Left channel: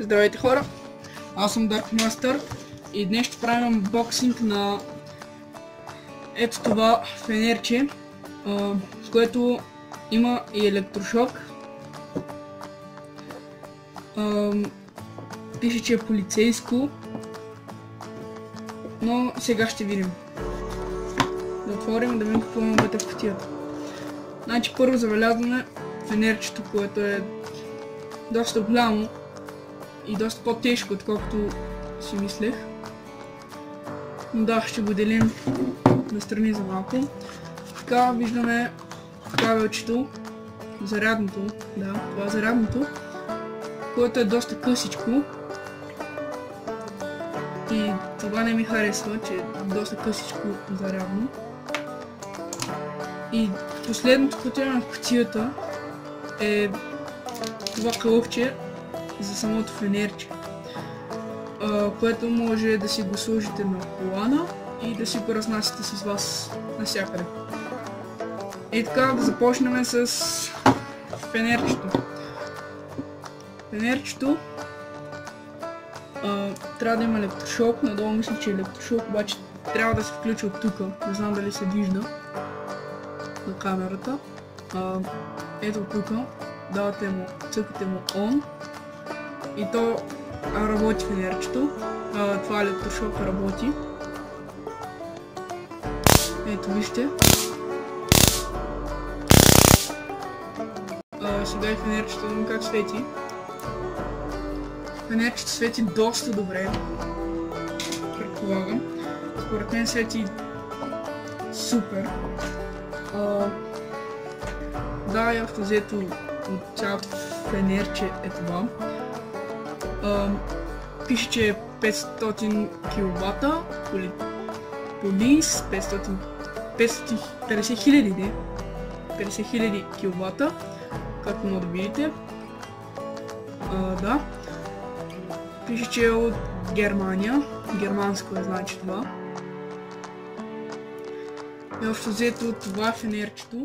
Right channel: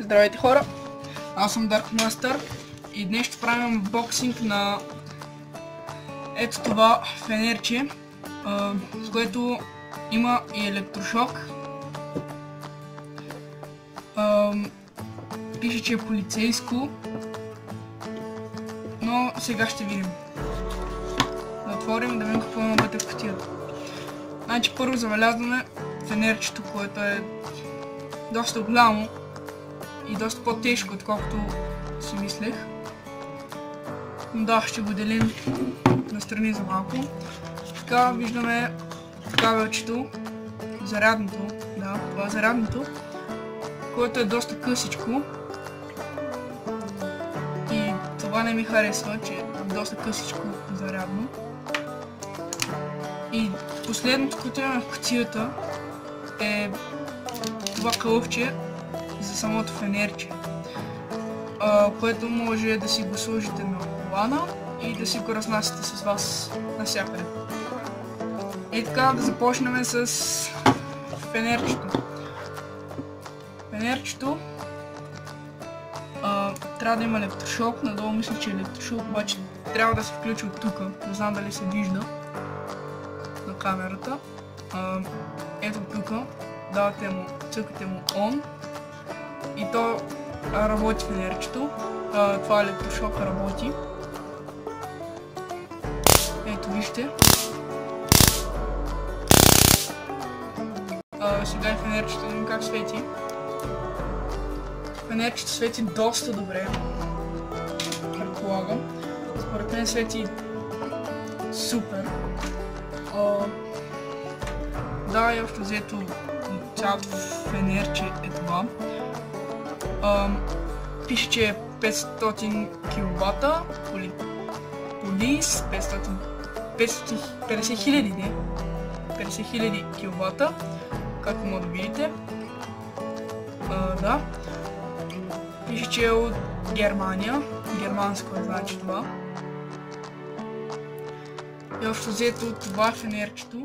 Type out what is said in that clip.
Здравейте хора, аз съм Dark Master и днес ще правим анбоксинг на ето това фенерче, с което има и електрошок. Пише, че е полицейско, но сега ще видим. Да отворим и да видим какво има вътре в кутията. Значи първо забелязваме фенерчето, което е доста голямо и доста по-тежко, отколкото си мислех. Но да, ще го делим настрани за малко. Така виждаме кабелчето, зарядното, да, това е зарядното, което е доста късичко. И това не ми харесва, че е доста късичко зарядно. И последното, което има в кутията, е това кълъвче за самото фенерче, което може да си го сложите на колана и да си го разнасяте с вас навсякъде. И така да започнем с фенерчето. Фенерчето трябва да има електрошок, надолу мисля, че електрошок, обаче трябва да се включи от тук, не знам дали се вижда на камерата. Ето тук, давате му, цъкате му on и то работи фенерчето. Това електрошок работи. Ето вижте. Сега и фенерчето, видим как свети. Фенерчето свети доста добре, предполагам. Според мен свети супер. Да, и общо взето от цялото фенерче е това. Пише, че е 500 киловата, полис 50 хиляди киловата, както може да видите. Да. Пише, че е от Германия, германско значи това. И общо взето това фенерчето